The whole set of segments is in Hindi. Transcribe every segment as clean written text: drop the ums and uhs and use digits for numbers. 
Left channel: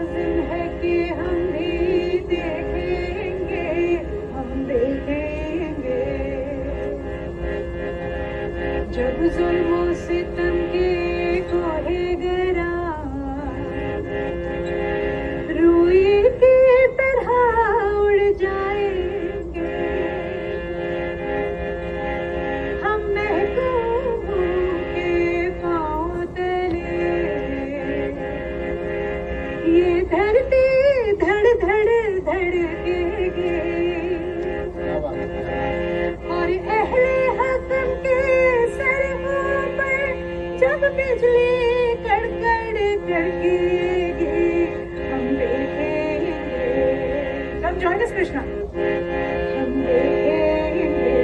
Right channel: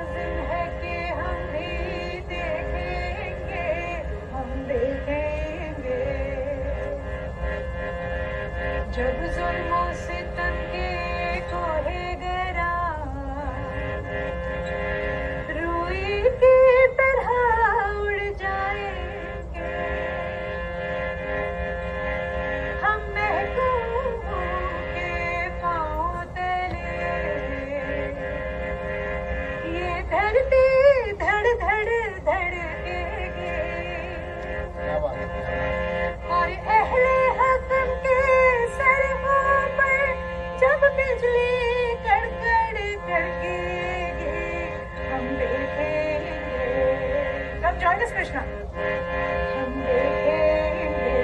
लाजिम है कि हम भी देखेंगे, हम देखेंगे। जब जुल्मों सितम की कोहे गिरा, रूई की तरह उड़ जाएंगे हम, महबूबों के पाँव तले। ये धरती धड़ धड़ धड़केगी और अहले हक़ के सरहों पर जब बिजली कड़कड़ कड़केगी, हम देखेंगे। सब join us, कृष्णा। हम देखेंगे,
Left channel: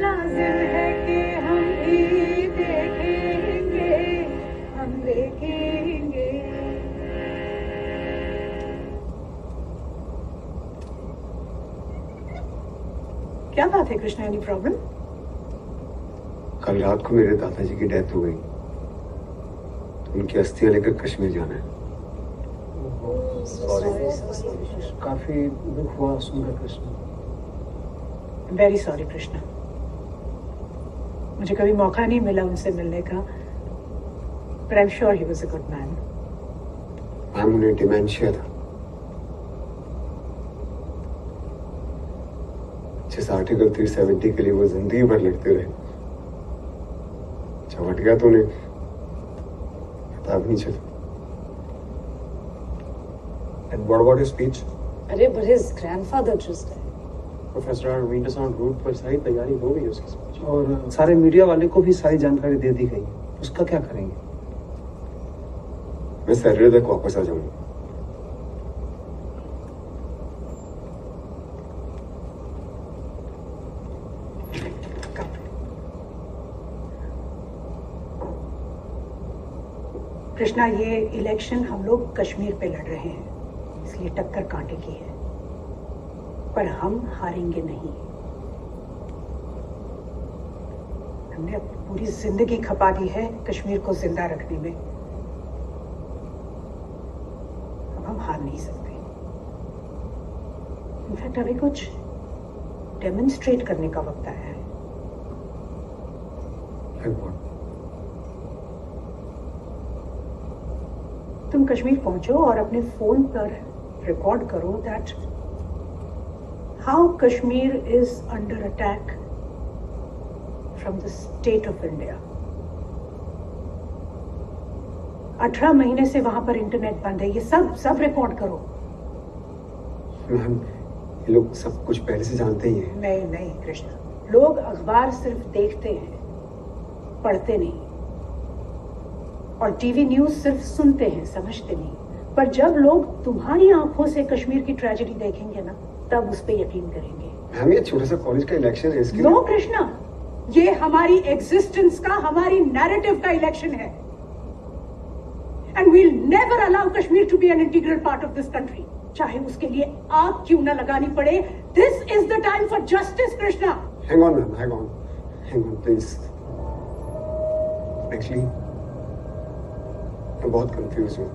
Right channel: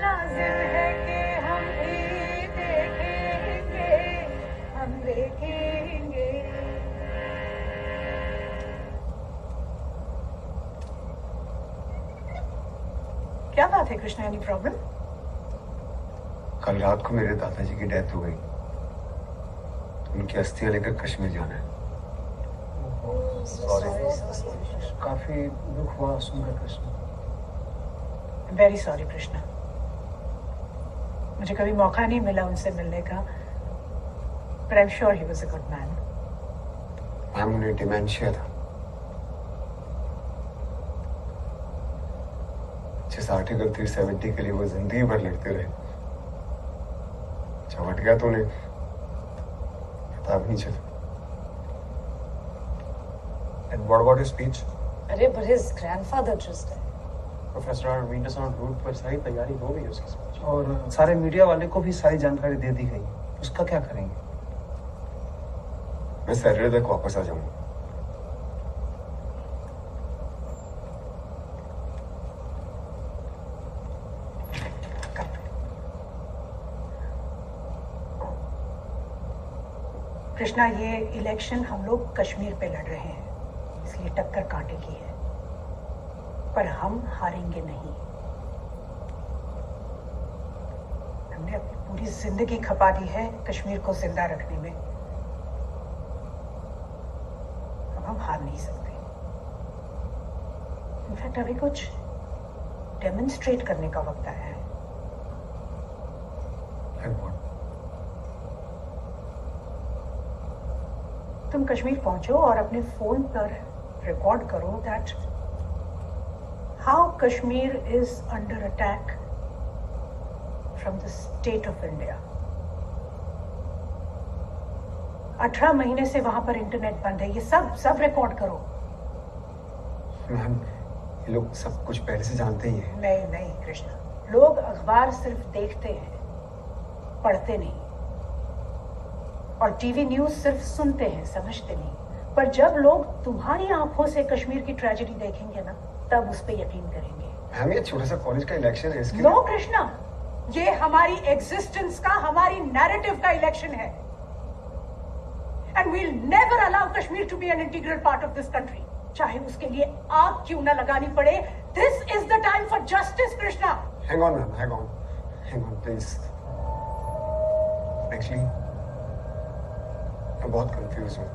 लाजिम है कि हम भी देखेंगे, हम देखेंगे। क्या बात है कृष्णा, एनी प्रॉब्लम? कल रात को मेरे दादाजी की डेथ हो गई, तो उनकी अस्थियां लेकर कश्मीर जाना है। काफी दुख हुआ सुनकर कृष्णा। वेरी सॉरी कृष्णा, मुझे कभी मौका नहीं मिला उनसे मिलने का, but I'm sure he was a good man. Ma'am, उन्हें डिमेंशिया था। जिस आर्टिकल 370 के लिए वो जिंदगी भर लड़ते रहे, जब हट गया तो उन्हें पता भी नहीं चला। And what about his speech? अरे but his grandfather just died. Professor, I don't mean to sound rude, पर सारी तैयारी हो गई उसकी speech। और सारे मीडिया वाले को भी सारी जानकारी दे दी गई, उसका क्या करेंगे? मैं सैटरडे तक वापस आ जाऊंगा। कृष्णा, ये इलेक्शन हम लोग कश्मीर पे लड़ रहे हैं, इसलिए टक्कर कांटे की है, पर हम हारेंगे नहीं। हमने अपनी पूरी जिंदगी खपा दी है कश्मीर को जिंदा रखने में, अब हम हार नहीं सकते। इनफैक्ट अभी कुछ डेमोन्स्ट्रेट करने का वक्त आया है। तुम कश्मीर पहुंचो और अपने फोन पर रिकॉर्ड करो that how Kashmir is under attack from the state of India. 18 महीने से वहां पर इंटरनेट बंद है, ये सब रिकॉर्ड करो। मैम, ये लोग सब कुछ पहले से जानते ही हैं। नहीं नहीं कृष्णा, लोग अखबार सिर्फ देखते हैं, पढ़ते नहीं, और टीवी न्यूज सिर्फ सुनते हैं, समझते नहीं। पर जब लोग तुम्हारी आंखों से कश्मीर की ट्रेजेडी देखेंगे ना, तब उस पे यकीन करेंगे। मैम, ये छोटा सा कॉलेज का इलेक्शन है, इसके नो कृष्णा, ये हमारी एग्जिस्टेंस का, हमारी नैरेटिव का इलेक्शन है, and we'll never allow Kashmir to be an integral part of this country, चाहे उसके लिए आग क्यों ना लगानी पड़े। This is the time for justice Krishna. Hang on ma'am, hang on please. Actually मैं बहुत कंफ्यूज हूँ,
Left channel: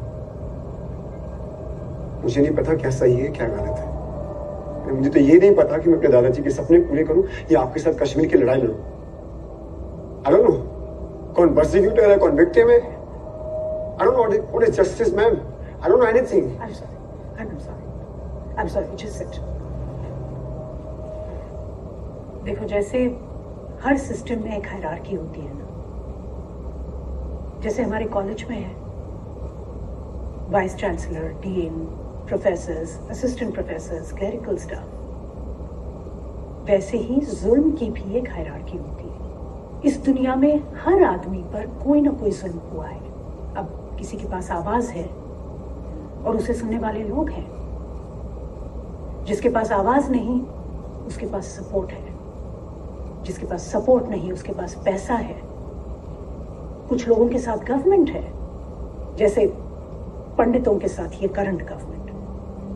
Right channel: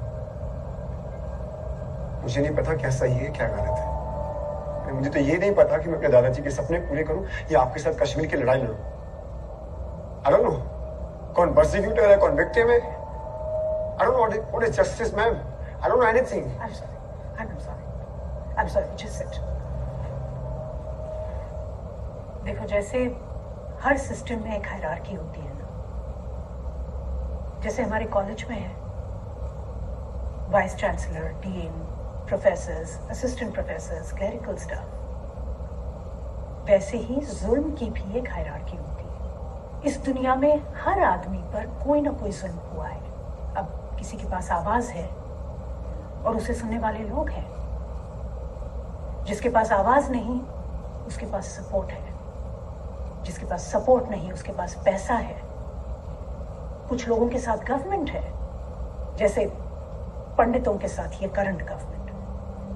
मुझे नहीं पता क्या सही है क्या गलत है। मुझे तो ये नहीं पता कि मैं अपने दादाजी के सपने पूरे करूं या आपके साथ कश्मीर की लड़ाई लड़ूं। आई डोंट नो कौन प्रोसिक्यूटर है, कौन विक्टिम है। I don't know what is justice ma'am. I don't know anything. I'm sorry, just sit. देखो, जैसे हर सिस्टम में एक हायरार्की होती है ना, जैसे हमारे कॉलेज में है vice chancellor, dean, professors, assistant professors, clerical staff, वैसे ही जुल्म की भी एक हायरार्की होती है। इस दुनिया में हर आदमी पर कोई ना कोई जुल्म हुआ है। अब किसी के पास आवाज है और उसे सुनने वाले लोग हैं, जिसके पास आवाज नहीं उसके पास सपोर्ट है, जिसके पास सपोर्ट नहीं उसके पास पैसा है। कुछ लोगों के साथ गवर्नमेंट है, जैसे पंडितों के साथ ये करंट गवर्नमेंट,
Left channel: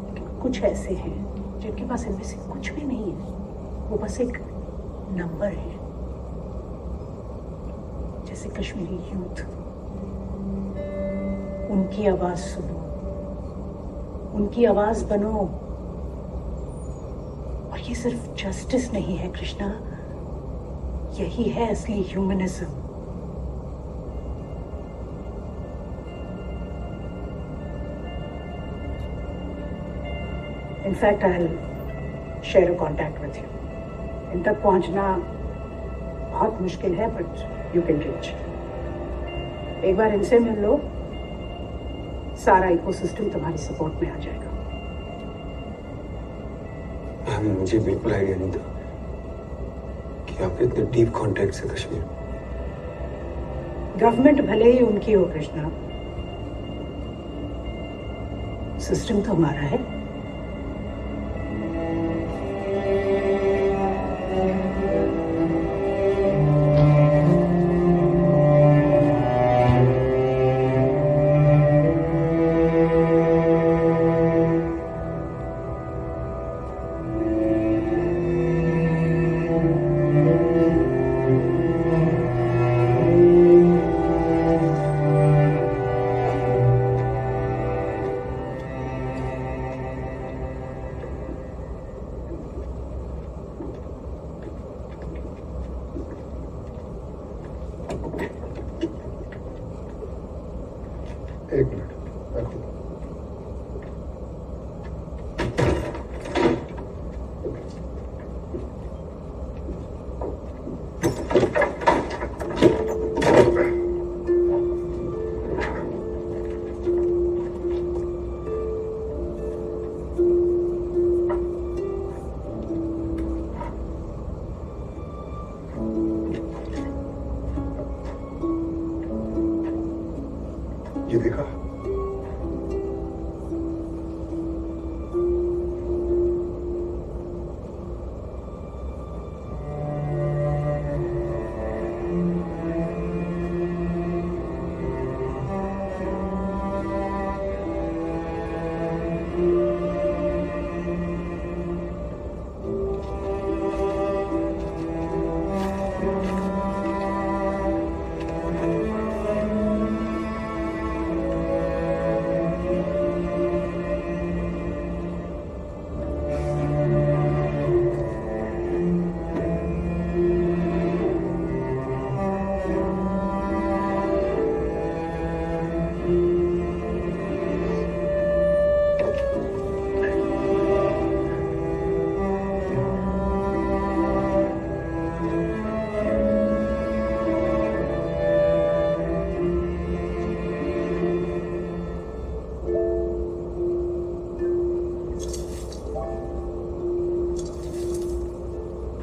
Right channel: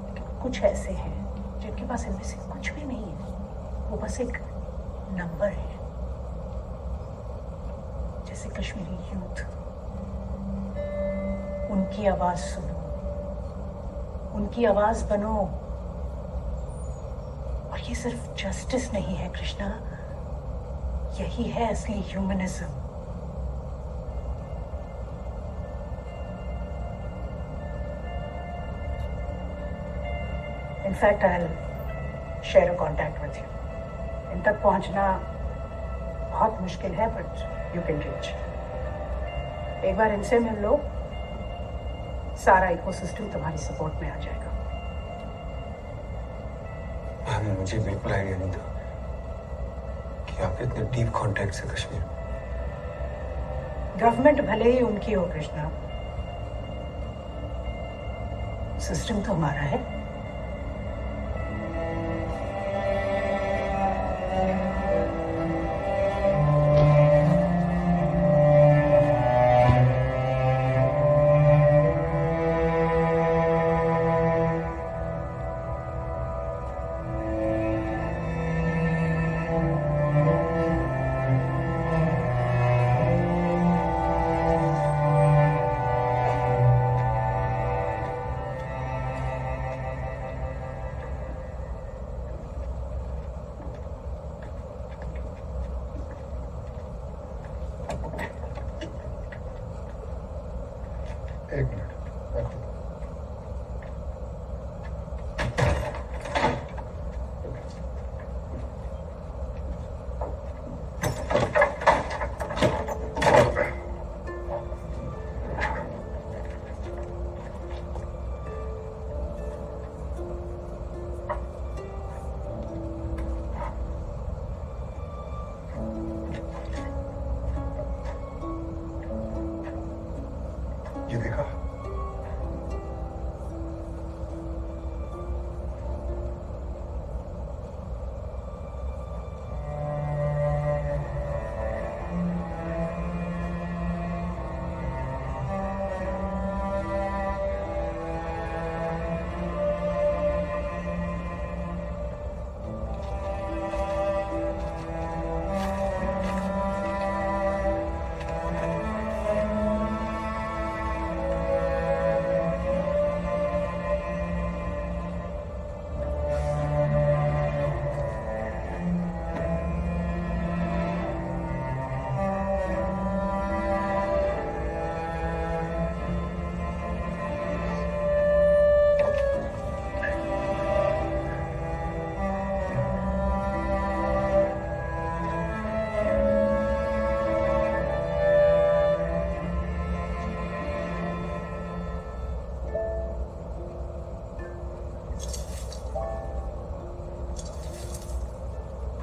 लेकिन कुछ ऐसे हैं जिनके पास इनमें से कुछ भी नहीं है, वो बस एक नंबर है। जैसे कश्मीरी यूथ, उनकी आवाज सुनो, उनकी आवाज बनो। और ये सिर्फ जस्टिस नहीं है कृष्णा, यही है असली humanism. In fact I will share a contact with you. इन तक पहुंचना बहुत मुश्किल है, बट यू कैन रीच। एक बार इनसे मिल लो, सारा इकोसिस्टम तुम्हारी सपोर्ट में आ जाएगा। मुझे बिल्कुल आइडिया नहीं था कि आपके इतने डीप कॉन्टैक्ट्स है कश्मीर। गवर्नमेंट भले ही उनकी हो कृष्णा, सिस्टम तो हमारा है। एक मिनट रखो। ये देखा,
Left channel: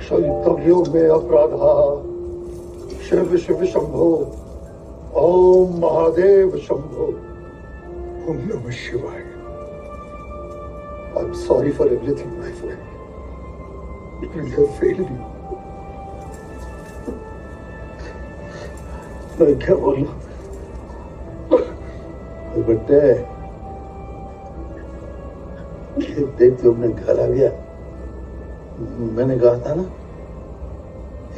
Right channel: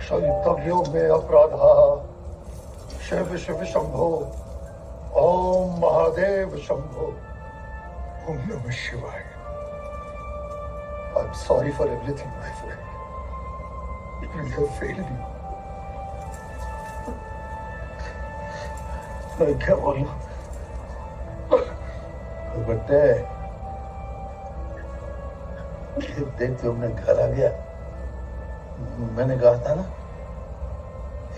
क्षयितव्यो मे अपराधा शिव शिव शंभो ओम महादेव शंभो ओम नमः शिवाय। I'm sorry for everything, my friend. I have failed you. मैं क्या बोलूं? बट्टे देख तुमने घर आ गया। मैंने कहा था ना,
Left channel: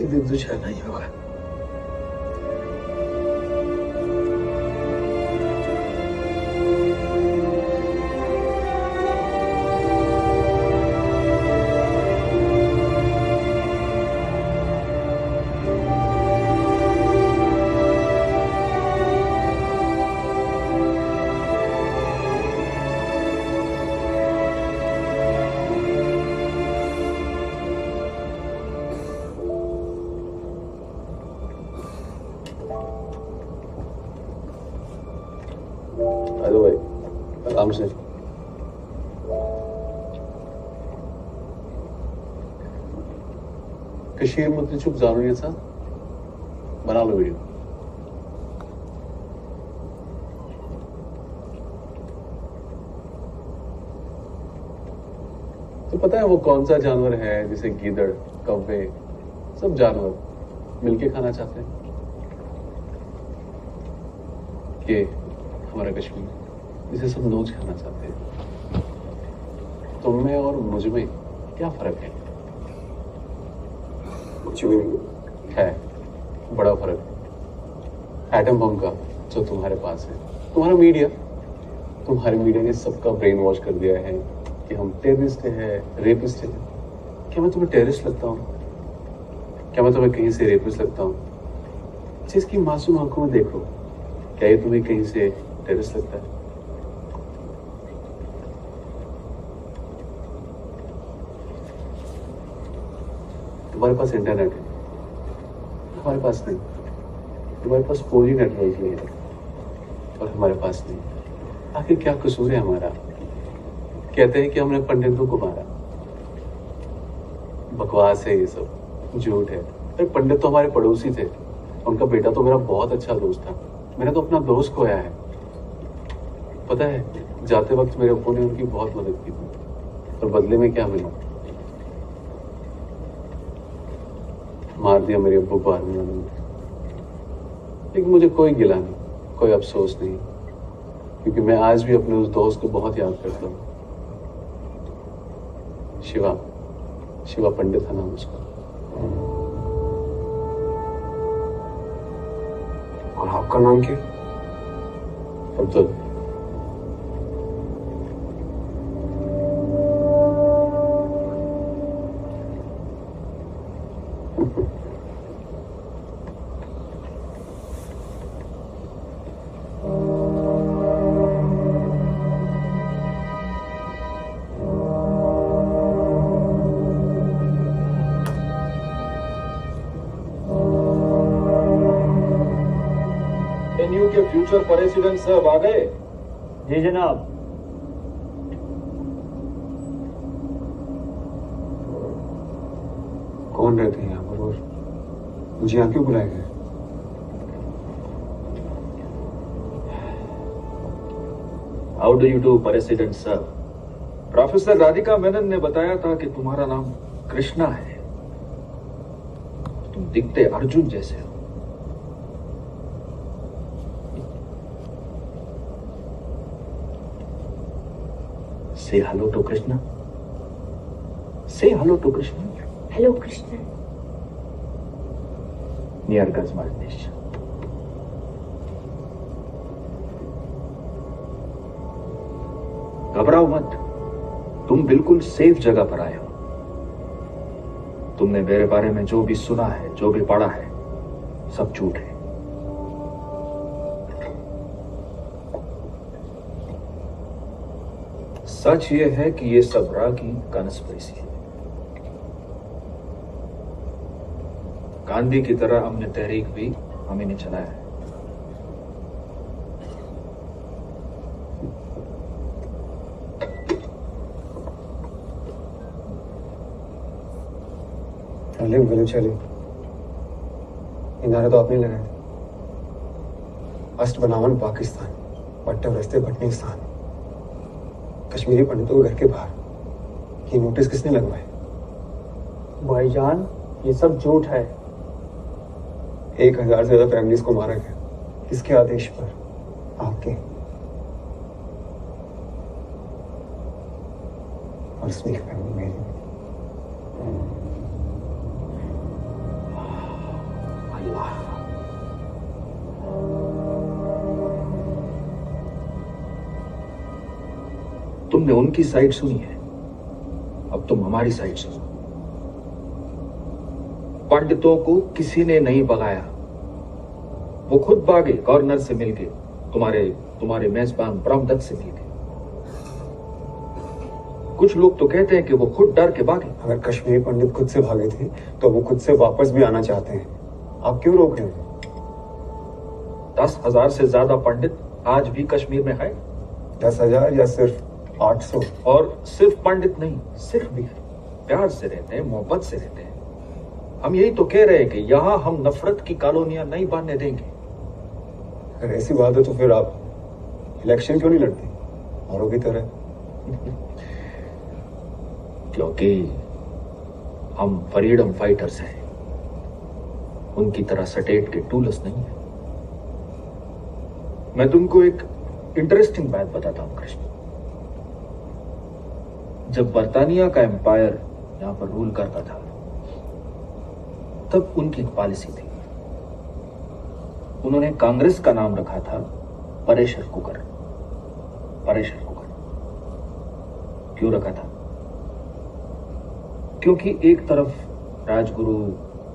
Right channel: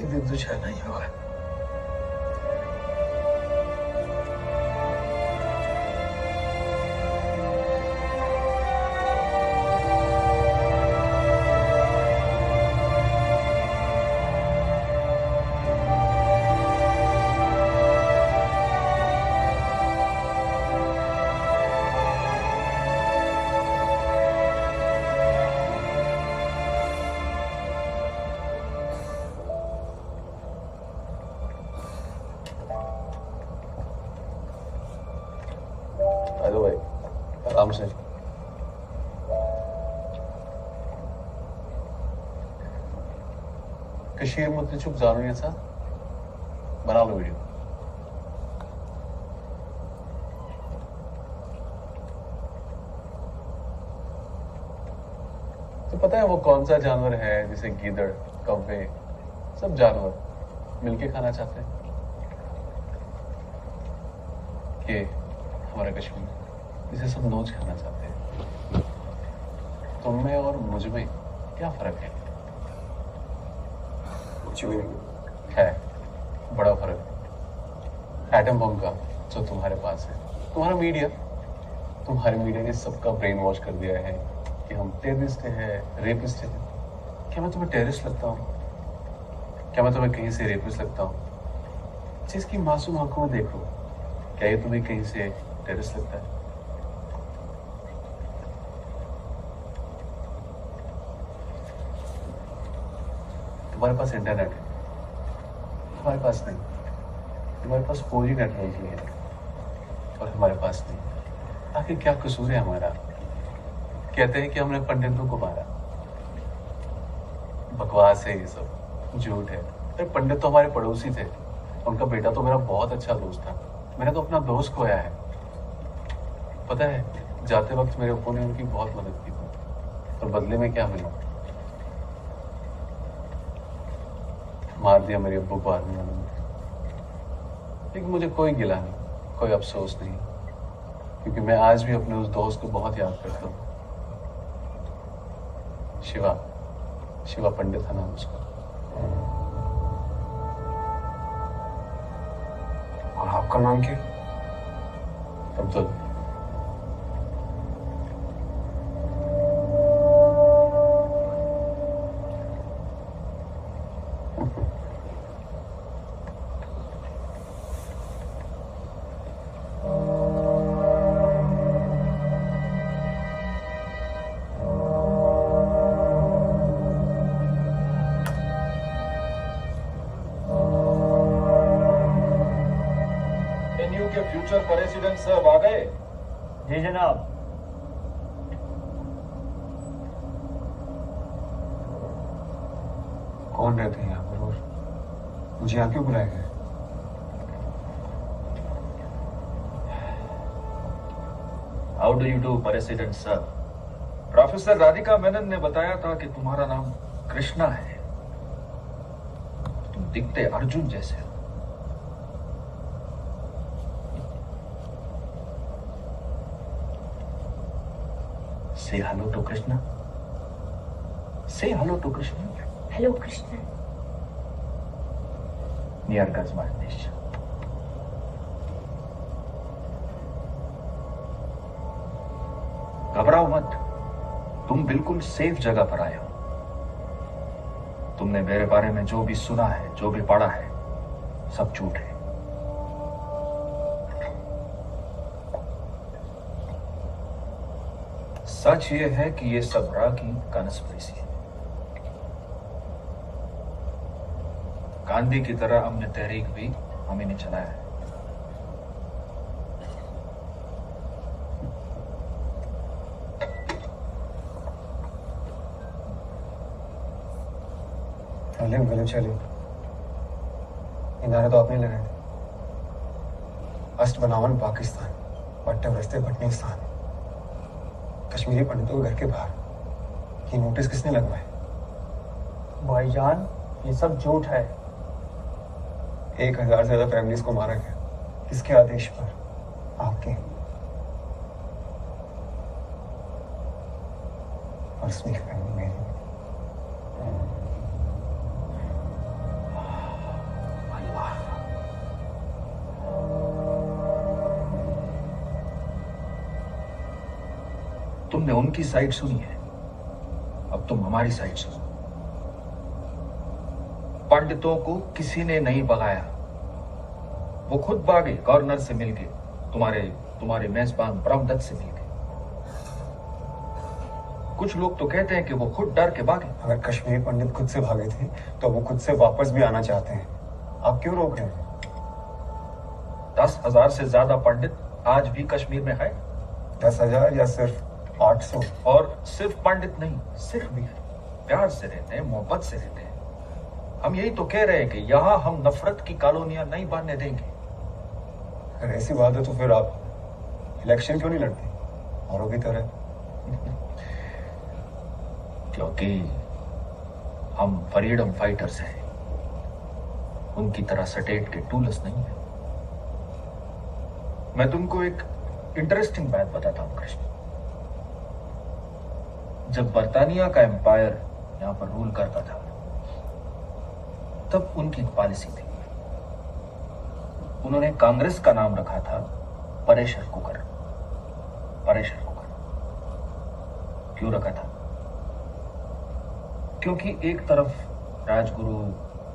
एक दिन तुझे नहीं होगा। हेलो भाई, आराम से। कशीर मुद्दे çok zaruriysa बना लो वीडियो। तो पता है वो कौन सा जानवर है जिसे गीदड़, कौवे, सब जानवर मिलके खाना चाहते हैं? ये हमारा कश्मीर, जिसे सब नोच खाना चाहते हैं। तुम में और मुझ में क्या फर्क है? कुछ भी नहीं है, बड़ा फर्क। एटम बम का जो तुम्हारे पास है, तुम्हारा मीडिया तुम्हारे मीडिया ने सबका ब्रेन वॉश कर दिया है कि हम टेररिस्ट हैं, रेपिस्ट हैं। क्या मैं तुम्हें टेररिस्ट लगता हूँ? क्या मैं तुम्हें कहीं से रेपिस्ट लगता हूँ? जिसकी मासूम आंखों में देखो, क्या ये तुम्हें कहीं से टेररिस्ट लगता है? तुम्हारे पास इंटरनेट है, हमारे पास नहीं। तुम्हारे पास 4G नेटवर्क नहीं है और हमारे पास नहीं। आखिर क्या कसूर है हमारा? कहते हैं कि हमने पंडितों को मारा। बकवास है ये सब, झूठ है। अरे पंडित तो हमारे पड़ोसी थे, उनका बेटा तो मेरा बहुत अच्छा दोस्त था। मैंने तो अपना दोस्त खोया है। पता है, जाते वक्त मेरे अब्बू ने उनकी बहुत मदद की थी और बदले में क्या मिला? मार दिया मेरे अब्बू को आर्मी वालों ने। लेकिन मुझे कोई गिला नहीं, कोई अफसोस नहीं, क्योंकि मैं आज भी अपने उस दोस्त को बहुत याद करता हूँ। शिवा पंडित था नाम उसका। और आपका नाम क्या? अब्दुल। एनयू के फ्यूचर प्रेसिडेंट साहब आ गए? जी जनाब। कौन रहते हैं यहाँ पर और मुझे यहाँ क्यों बुलाया गया? How do you do president sir? Professor Radhika Menon ने बताया था कि तुम्हारा नाम कृष्णा है। तुम दिखते अर्जुन जैसे हो। Say hello to Krishna. Say hello to Krishna. Hello Krishna. Near Gazmalnish. घबराओ मत, तुम बिल्कुल सेफ जगह पर आए हो। तुमने मेरे बारे में जो भी सुना है, जो भी पढ़ा है, सब झूठ है। सच ये है कि ये सब रा की कॉन्स्पिरेसी है। गांधी की तरह हमने तहरीक भी हमें ने चलाया है। गले चले, नारे तो आपने लगाए थे। अस्त बनावन पाकिस्तान, पट्टे रस्ते भटनीस्तान, कश्मीरी पंडितों के घर के बाहर। ये नोटिस किसने लगवाए? भाईजान, ये सब झूठ है। 1000 से ज्यादा फैमिलीज को मारा गया। किसके आदेश पर? आपके। और इसमें एक फैमिली मेरी भी। अल्लाह। तुमने उनकी साइड सुनी है, अब तुम हमारी साइड सुनो। पंडितों को किसी ने नहीं भगाया, वो खुद भागे गवर्नर से मिलके, तुम्हारे मेजबान ब्रह्मदत्त से मिलके। कुछ लोग तो कहते हैं कि वो खुद डर के भागे। अगर कश्मीरी पंडित खुद से भागे थे तो वो खुद से वापस भी आना चाहते हैं। आप क्यों रोक रहे हो? 10,000 से ज्यादा पंडित आज भी कश्मीर में है। 10,000 या सिर्फ 800? और सिर्फ पंडित नहीं, सिर्फ भी है। प्यार से रहते हैं, मोहब्बत से रहते हैं। हम यही तो कह रहे हैं कि यहां हम नफरत की कॉलोनियां नहीं बनने देंगे। अगर ऐसी बात है तो फिर आप इलेक्शन क्यों नहीं लड़ते औरों की तरह? क्योंकि हम फ्रीडम फाइटर्स हैं, उनकी तरह सटेट के टूलस नहीं है। मैं तुमको एक इंटरेस्टिंग बात बताता हूं कृष्ण। जब बर्तानिया का एम्पायर यहां पर रूल करता था, तब उनकी एक पॉलिसी थी। उन्होंने कांग्रेस का नाम रखा था प्रेशर कुकर। प्रेशर कुकर क्यों रखा था? क्योंकि एक तरफ राजगुरु,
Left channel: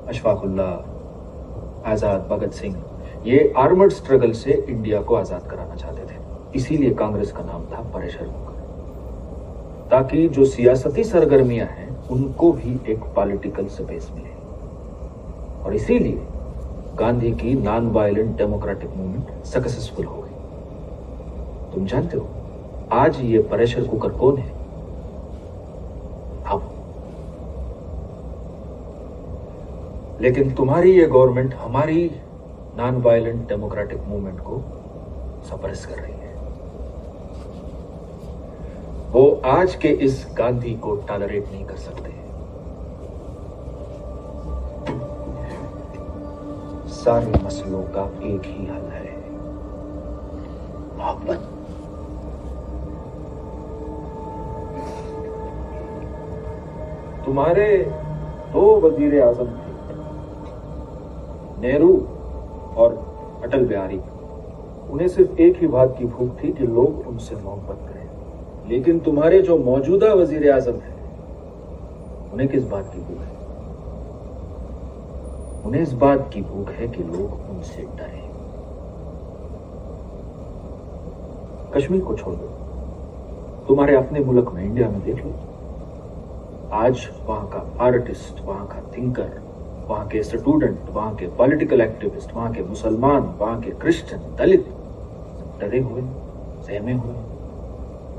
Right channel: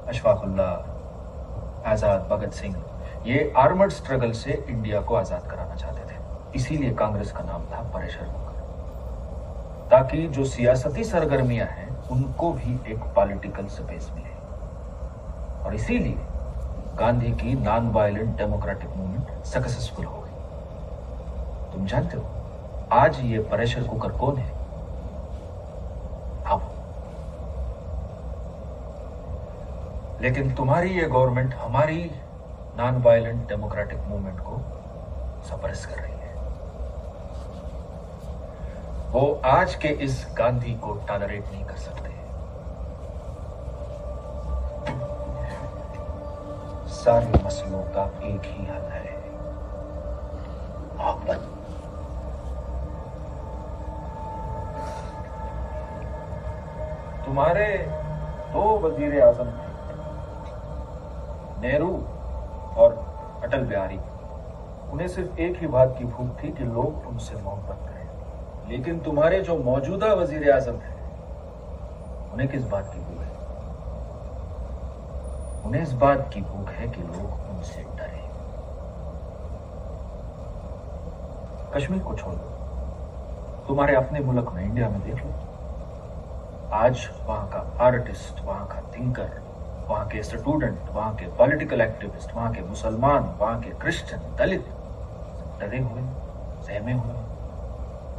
अशफाकुल्लाह, आजाद, भगत सिंह ये आर्मर्ड स्ट्रगल से इंडिया को आजाद कराना चाहते थे। इसीलिए कांग्रेस का नाम था प्रेशर कुकर, ताकि जो सियासती सरगर्मियां हैं उनको भी एक पॉलिटिकल स्पेस मिले। और इसीलिए गांधी की non violent democratic movement successful हो गई। तुम जानते हो आज ये प्रेशर कुकर कौन है? हम। लेकिन तुम्हारी ये गवर्नमेंट हमारी नॉन वायलेंट डेमोक्रेटिक मूवमेंट को सप्रेस कर रही है। वो आज के इस गांधी को टॉलरेट नहीं कर सकते। सारे मसलों का एक ही हल है, मोहब्बत। तुम्हारे 2 वजीर आजम थे, नेहरू और अटल बिहारी। उन्हें सिर्फ एक ही बात की भूख थी कि लोग उनसे मोहब्बत करें। लेकिन तुम्हारे जो मौजूदा वजीर आजम हैं, उन्हें किस बात की भूख है? उन्हें इस बात की भूख है कि लोग उनसे डरें। कश्मीर को छोड़ दो, तुम्हारे अपने मुल्क में, इंडिया में देख लो। आज वहां का आर्टिस्ट, वहां का थिंकर, वहां के स्टूडेंट, वहां के पॉलिटिकल एक्टिविस्ट, वहां के मुसलमान, वहां के क्रिश्चियन, दलित डरे हुए, सहमे हुए,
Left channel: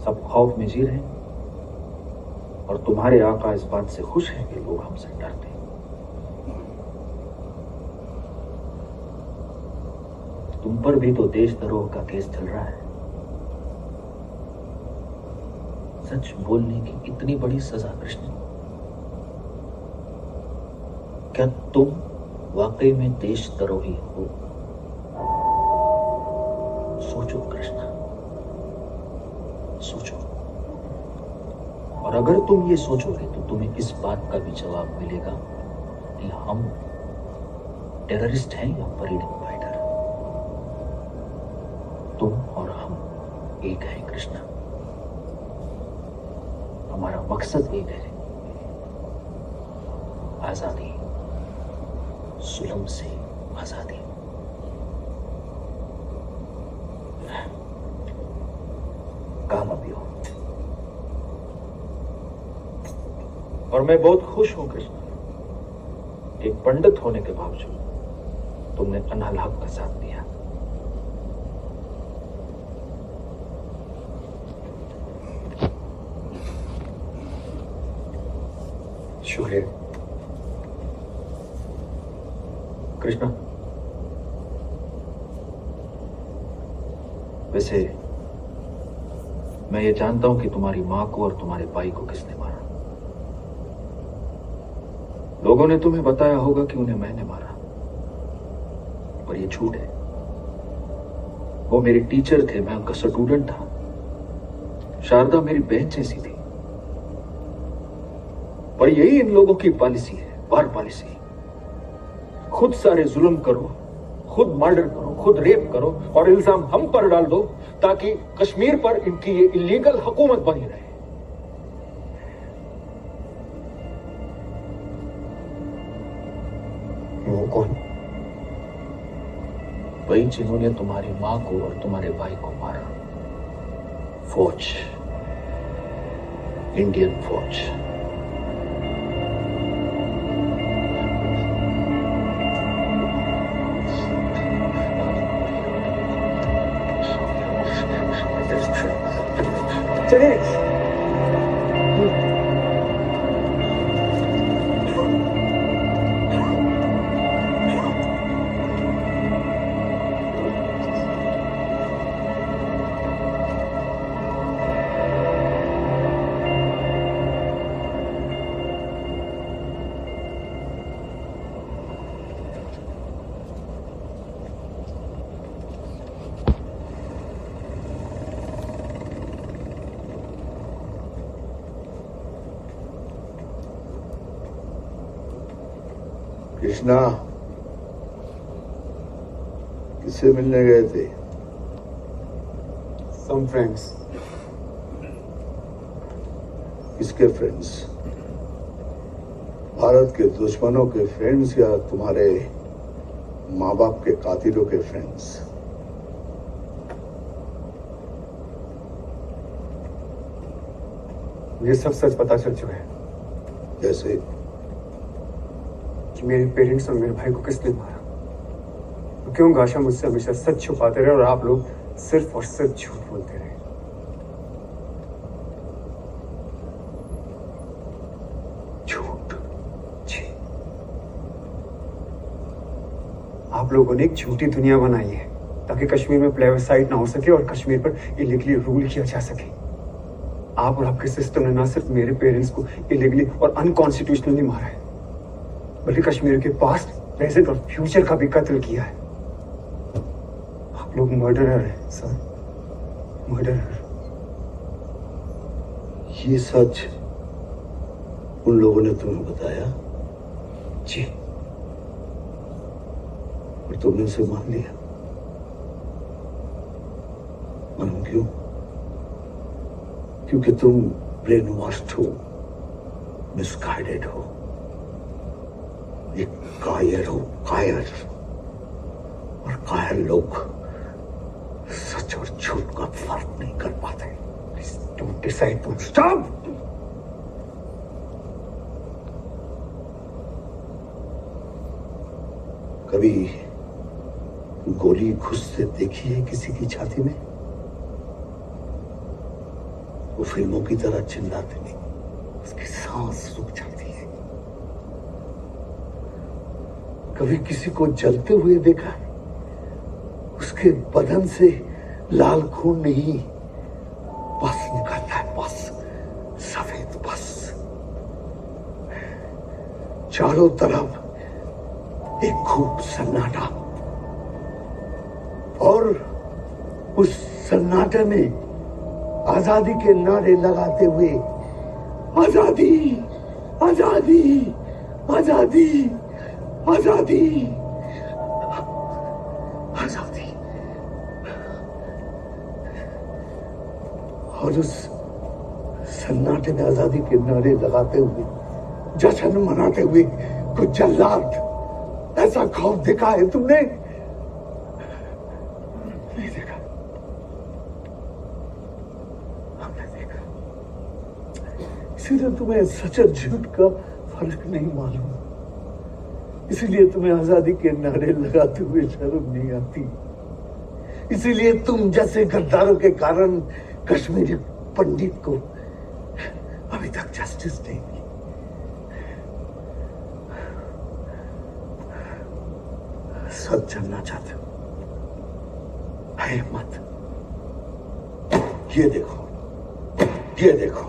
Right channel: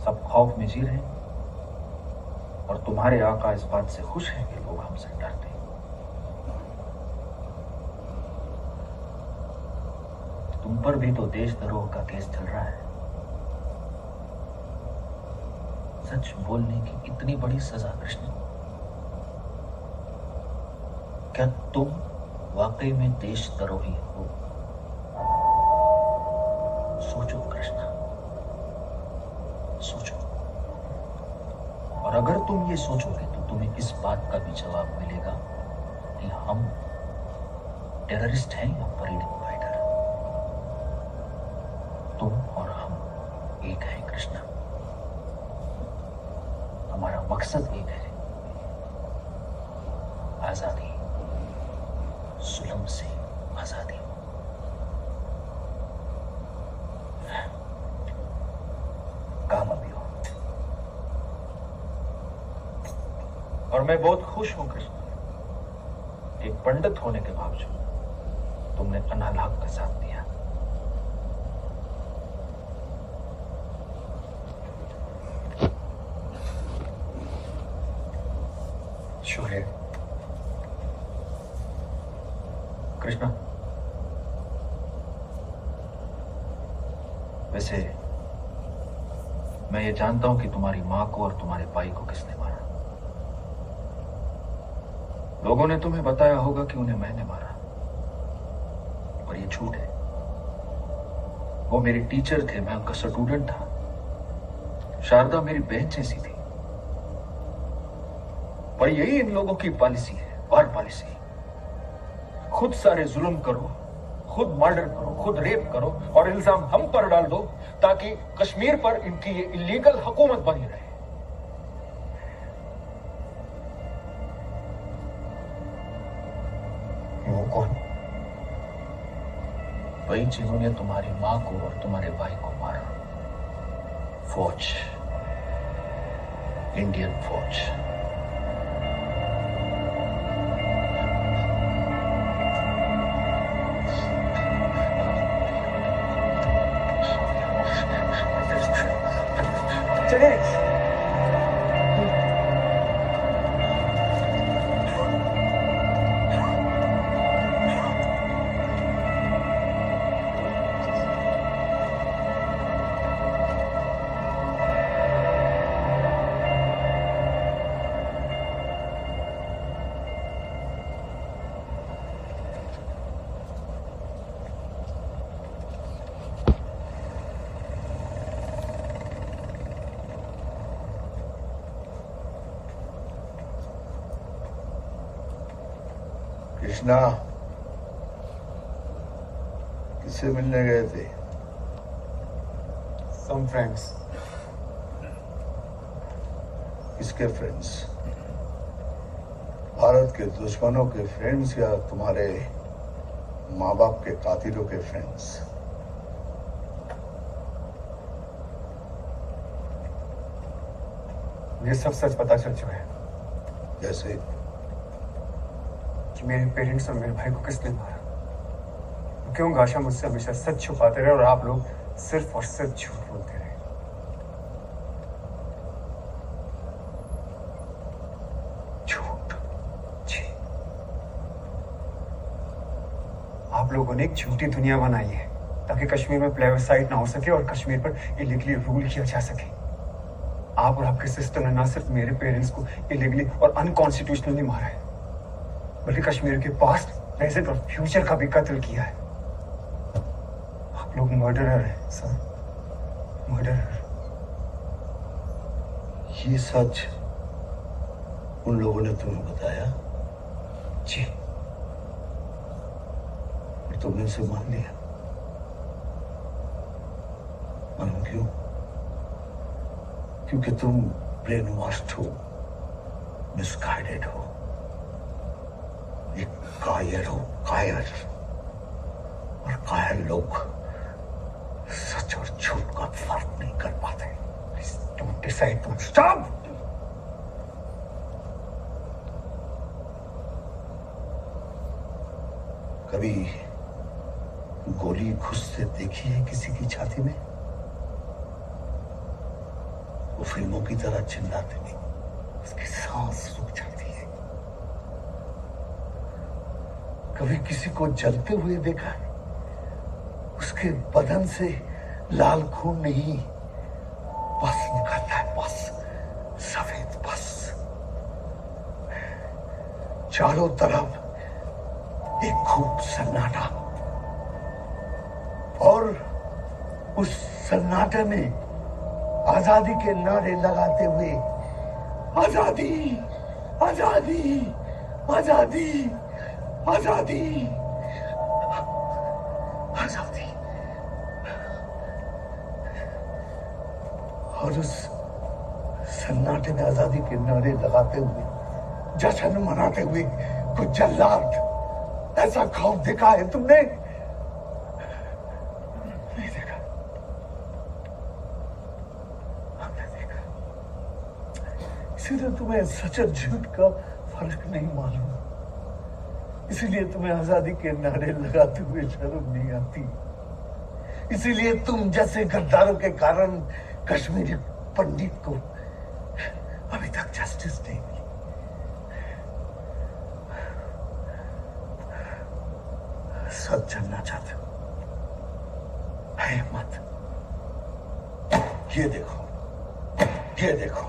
सब खौफ में जी रहे हैं। और तुम्हारे आका इस बात से खुश हैं कि लोग हमसे डरते हैं। तुम पर भी तो देशद्रोह का केस चल रहा है। सच बोलने की इतनी बड़ी सजा कृष्ण, क्या तुम वाकई में देशद्रोही हो? सोचो कृष्णा, सोचो। और अगर तुम ये सोचोगे तो तुम्हें इस बात का भी जवाब मिलेगा कि हम टेररिस्ट हैं या फ्रीडम फाइटर। तुम और हम एक हैं कृष्णा। हमारा मकसद एक है, आजादी, जुल्म से आजादी। कामयाबी हो। और मैं बहुत खुश हूं कृष्णा, एक पंडित होने के बावजूद तुमने अनहल हक का साथ दिया। शुक्रिया कृष्णा। वैसे मैं ये जानता हूं कि तुम्हारी मां को और तुम्हारे भाई को किसने मारा। लोगों ने तुम्हें बताया होगा कि उन्हें मैंने मारा, पर ये झूठ है। वो मेरे टीचर थे, मैं उनका स्टूडेंट था। शारदा मेरी बहन जैसी थी। पर यही इन लोगों की पॉलिसी है, वार पॉलिसी। खुद सारे जुल्म करो, खुद मर्डर करो, खुद रेप करो और इल्जाम हम पर डाल दो ताकि कश्मीर पर इनकी ये इलीगल हुकूमत बनी रहे। वो कौन? वही जिन्होंने तुम्हारी मां को और तुम्हारे भाई को मारा। फौज, इंडियन फौज। चलिए। कृष्णा, किससे मिलने गए थे? Some friends. इसके फ्रेंड्स, भारत के दुश्मनों के फ्रेंड्स या तुम्हारे माँ बाप के कातिलों के फ्रेंड्स? ये सब सच पता चल चुका है जैसे कि मेरे पेरेंट्स और मेरे भाई को किसने मारा। तो क्यों गाशा मुझसे हमेशा सच छुपाते रहे और आप लोग सिर्फ और सिर्फ झूठ बोलते रहे। झूठ? जी, आप लोगों ने एक झूठी दुनिया बनाई है ताकि कश्मीर में प्लेबसाइट ना हो सके और कश्मीर पर इलीगली रूल किया जा सके। आप और आपके सिस्टम ने ना सिर्फ मेरे पेरेंट्स को इलीगली और अनकॉन्स्टिट्यूशनली मारा है, बल्कि कश्मीर के पास्ट, प्रेजेंट और फ्यूचर का भी कत्ल किया है। आप लोग मर्डरर हैं सर, मर्डरर। ये सच उन लोगों ने तुम्हें बताया? जी। और तुमने उसे मान लिया? मालूम क्यों? क्योंकि तुम ब्रेन वॉश्ड हो, मिसगाइडेड हो, एक कायर हो, कायर। और कायर लोग सच और झूठ का फर्क नहीं कर पाते। Please don't decide, don't stop. कभी गोली घुसते देखी है किसी की छाती में? वो फिल्मों की तरह चिल्लाते नहीं, उसकी सांस रुक जाती है। कभी किसी को जलते हुए देखा है? उसके बदन से लाल खून नहीं, बस निकलता है, बस सफेद बस। चारों तरफ एक खूब सन्नाटा, और उस सन्नाटे में आजादी के नारे लगाते हुए, आजादी, आजादी, आजादी, आजादी, आजादी। और उस सन्नाटे में आजादी के नारे लगाते हुए, जश्न मनाते हुए कुछ जल्लाद, ऐसा खौफ देखा है तुमने? नहीं देखा। हमने देखा। इसीलिए तुम्हें सच और झूठ का फर्क नहीं मालूम। इसीलिए तुम्हें आजादी के नारे लगाते हुए शर्म नहीं आती। इसीलिए तुम जैसे गद्दारों के कारण कश्मीरी पंडित को अभी तक जस्टिस नहीं मिली। सच जानना चाहते हो? है मत। ये देखो, ये देखो,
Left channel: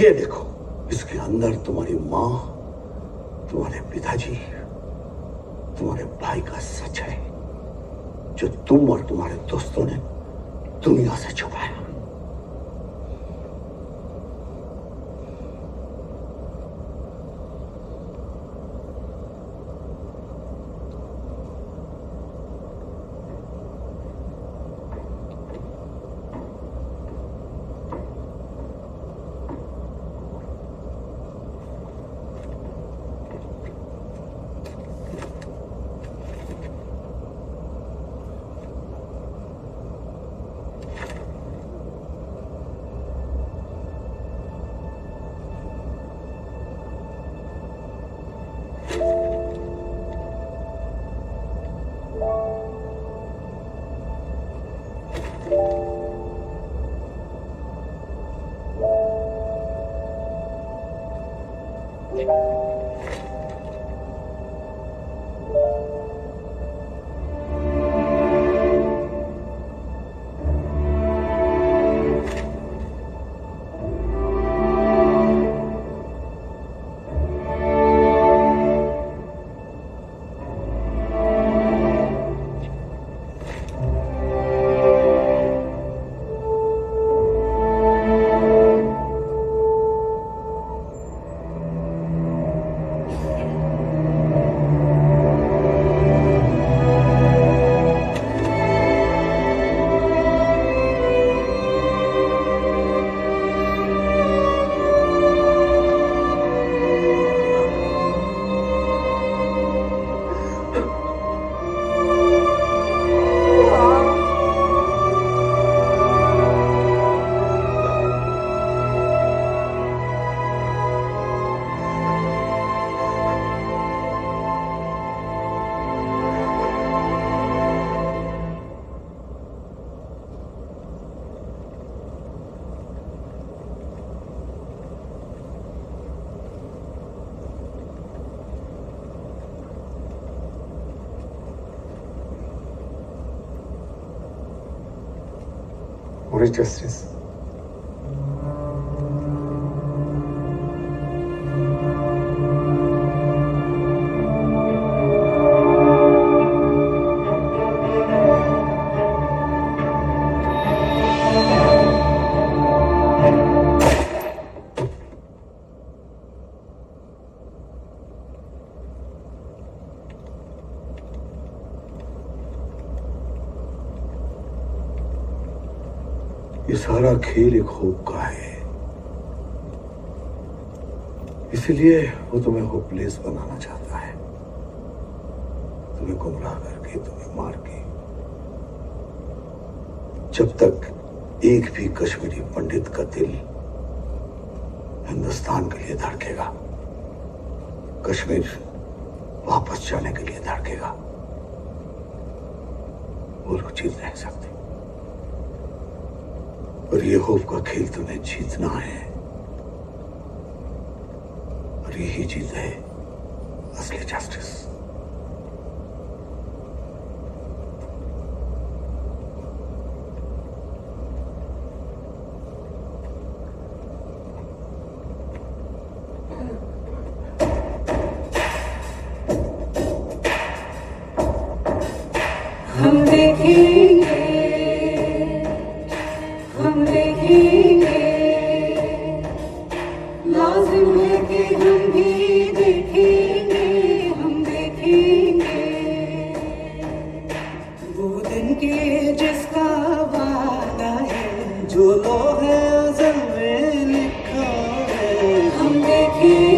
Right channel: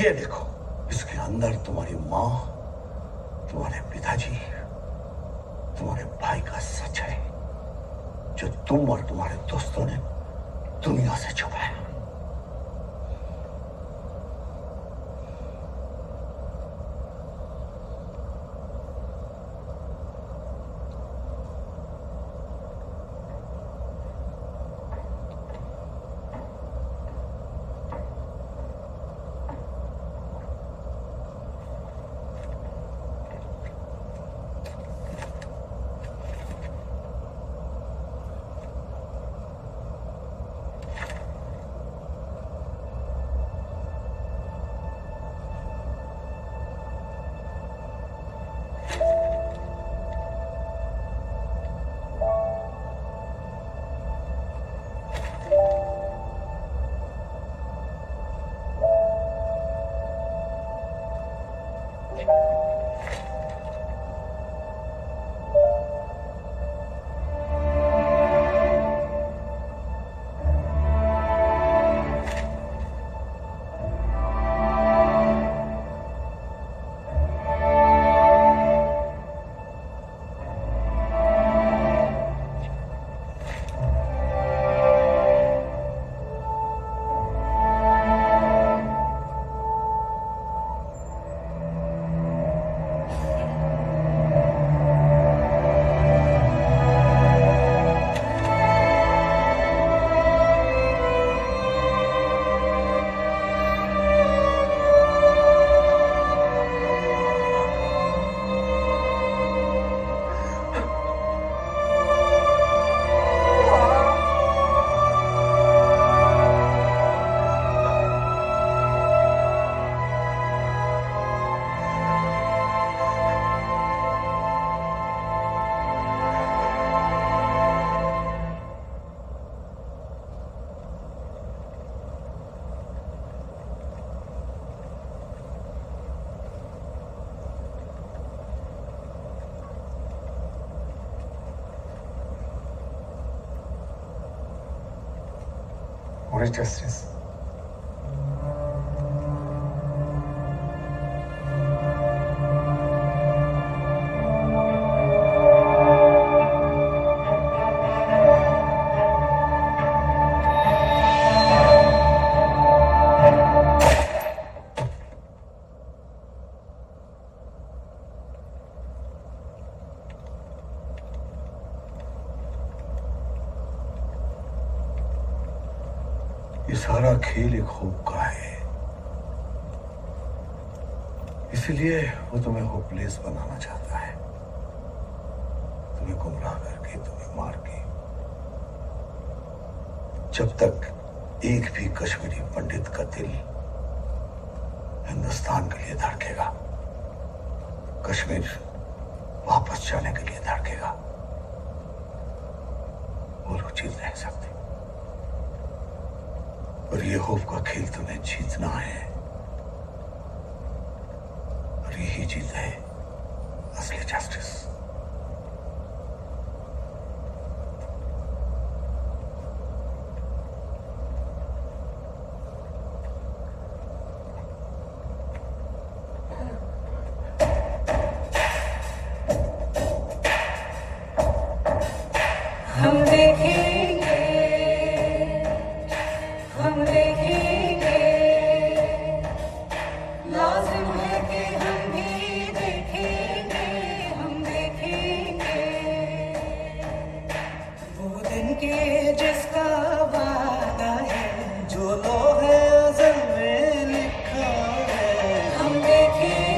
ये देखो। इसके अंदर तुम्हारी माँ, तुम्हारे पिताजी, तुम्हारे भाई का सच है, जो तुम और तुम्हारे दोस्तों ने दुनिया से छुपाया। What is justice? ये सारा खेल एक होप का है, इसलिए वो तुम्हें होपलेस बनाना चाहता है, तुम्हें गुमराह करके, तुम्हें मार के। जब तक एक भी कश्मीरी पंडित का दिल हिंदुस्तान के लिए धड़केगा, कश्मीर वापस जाने के लिए धड़केगा, वो लोग जीत नहीं सकते। और ये होप का खेल तुम्हें जीतना है, और यही जीत है असली जस्टिस। हम देखेंगे, हम देखेंगे, लाजिम है कि हम भी देखेंगे, हम देखेंगे वो दिन के जिसका वादा है, जो लोग अज़ल में लिखा है। हम देखेंगे,